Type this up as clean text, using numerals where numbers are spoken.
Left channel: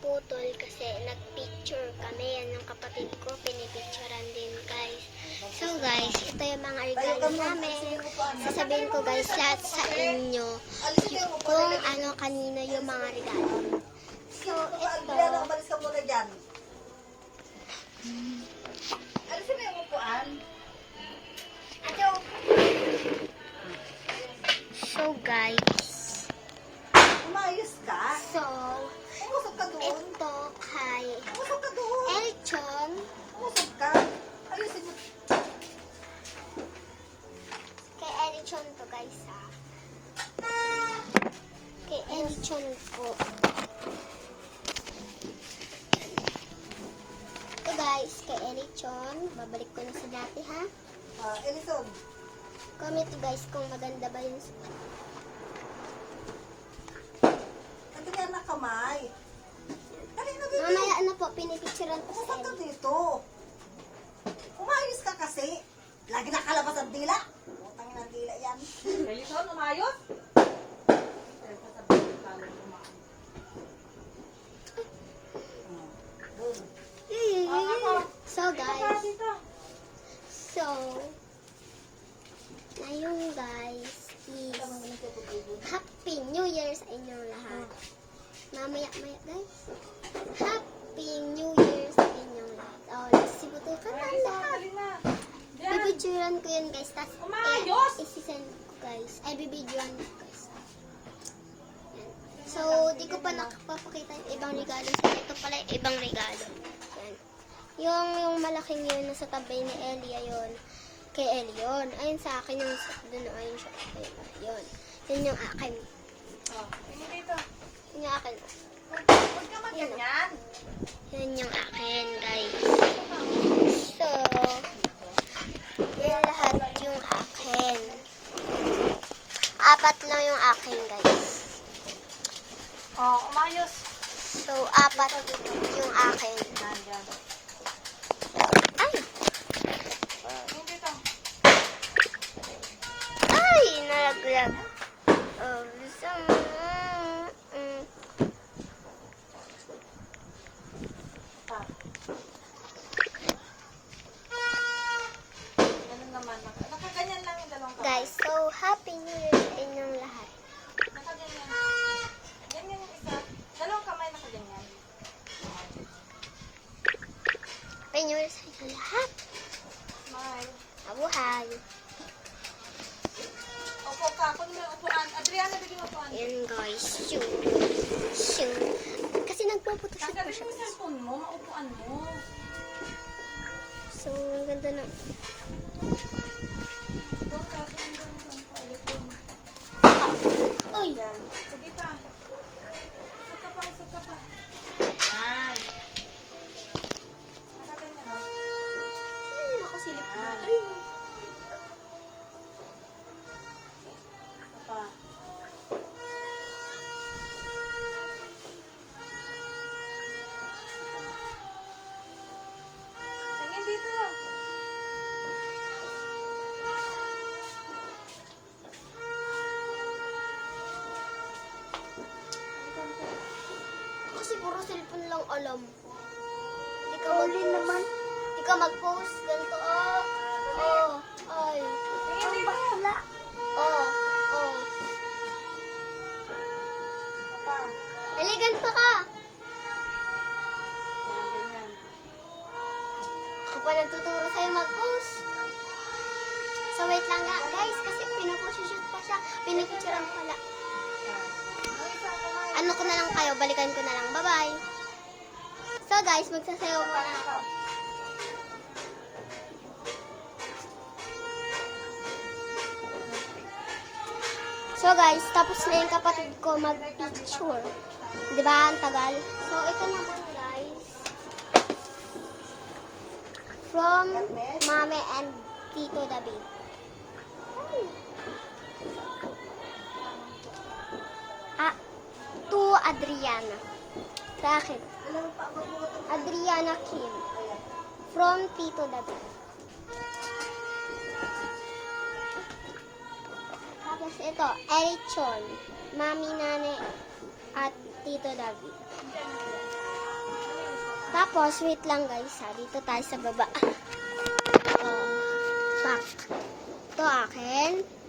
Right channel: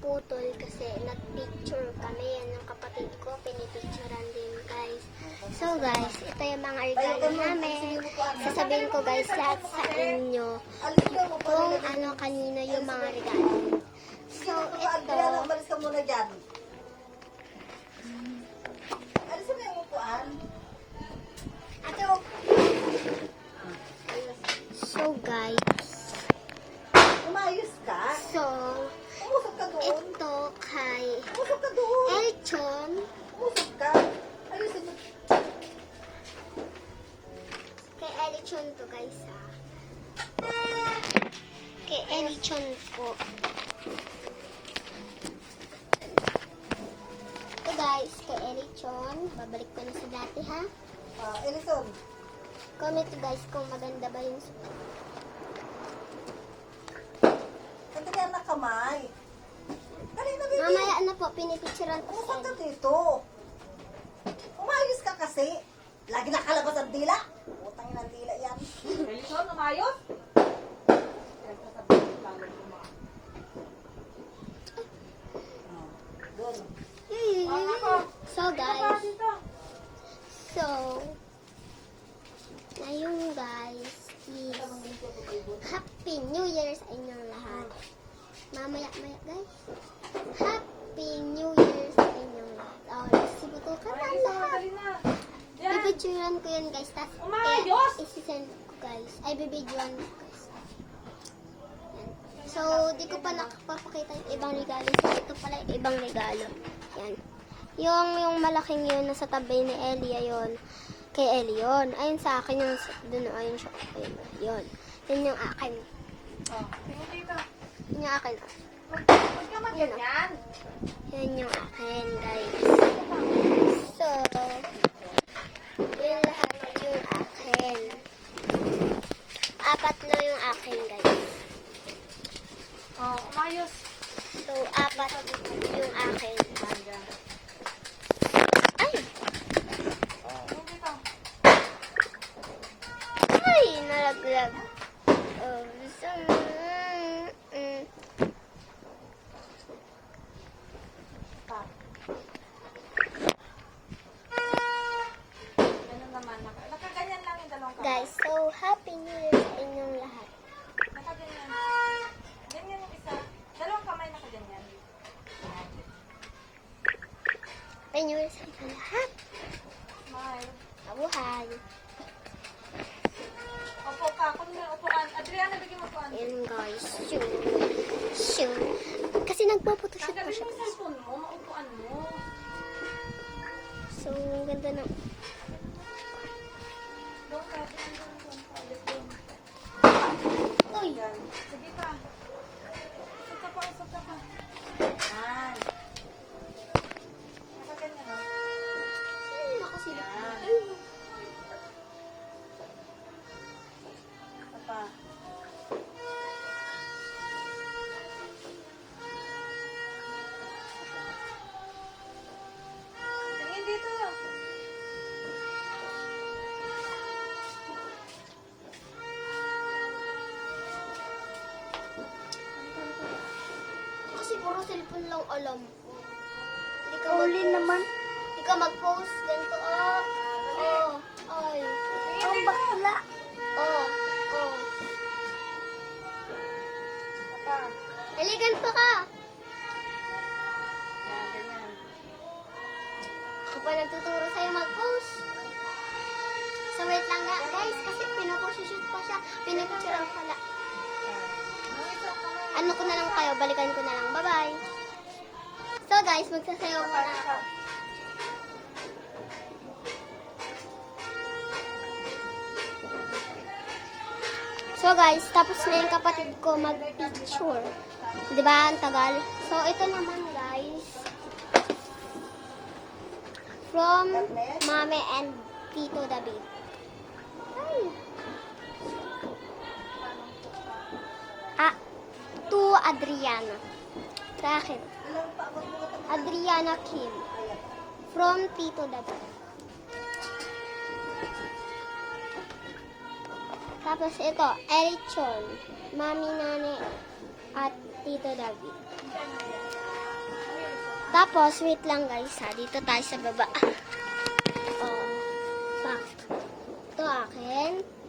naputol kasi nagpicture kami. Yan yung kapatid ko, pinipicturean din guys. So guys, ito yung mga regalo namin. Sasabihin ko guys lahat sa inyo kung ano kanino yung mga regalo. So ito, Malis ka muna dyan. Alisin mo yung upuan. so guys, Umayos ka. so Umusap ka doon. ito kay Umusap ka doon. Elchon. Umusap ka. Ayusin mo. Kay Elchon to guys ha. Kay Elchon po. Ito guys, kay Elchon. Babalik ko na sa dati ha. Elison. Comment guys kung maganda ba yung... Nagkaya na kamay. Dali na dito. Mamaya na po, pinipicturean ko sa Umusap ka inyo. dito. Umayos ka kasi. Lagi nakalabas ang dila. Utangin ang dila yan. Elison, umayos? So guys, ngayon guys is Happy New Year sa inyong lahat. Mamaya-maya guys. Happy New Year sa inyong lahat. Oh, sibutukan na lahat. Bibidyoan ko yun guys. Tapos isi-send ko guys. Ay, bibidyoan ko guys. Yan. So, di ko pa nakapapakita yung ibang regalo. So, ito pala yung ibang regalo. Yan. Yung malaking yun nasa tabi ni Elia yun. Kay Elia yun. Ayun sa akin yung dun ayun siya. Ayun. Yun. Yun yung akin. Yun yung akin. Yun, yun yung akin guys. So, yun lahat yung akin. 4 lang yung akin guys. Umayos. So, 4 yung akin. Ay! Ay! Nalaglag. Oh, Nakaganyan lang yung dalawang kamay. guys, so happy New Year sa inyong lahat. Nakaganyan. Ganyan yung isa. Dalawang kamay nakaganyan. Happy New Year sa inyong lahat. Smile. Mabuhay. Opo ka. Kung may upuan. Adriana, bigyan mo upuan. Ayan guys. So, kasi nagpuputos ako Tanggalin siya. mo yung cellphone mo. Maupuan mo. So, ang ganda ng... Uy! Sige pa. Usap ka pa. Usap ka pa. Ay. Nakaganyan. Ay, nakasilip na. Ay, Pa. Tingin dito. kasi puro cellphone lang alam. Hindi ka naman. Hindi ka mag-post. Ganito, ay. Ang bakla. Dali, ganito ka. Yan, ganyan. Ako pa nagtuturo sa'yo mag-post. So, wait lang nga, guys. Kasi pinapushoot pa siya. Pinipicturean ko pala. Ano ko na lang kayo, balikan ko na lang. Bye-bye. So guys, magsasayaw muna ako. So guys, tapos na yung kapatid ko mag-picture. Diba? Ang tagal. So ito naman guys. From Mama and Tito David. To Adriana. Sa akin. Adriana Kim. From Tito David. Tapos ito, Erichon. Mami, Nane, at Tito David. Tapos, wait lang guys ha. Dito tayo sa baba. Oh, back. Ito akin.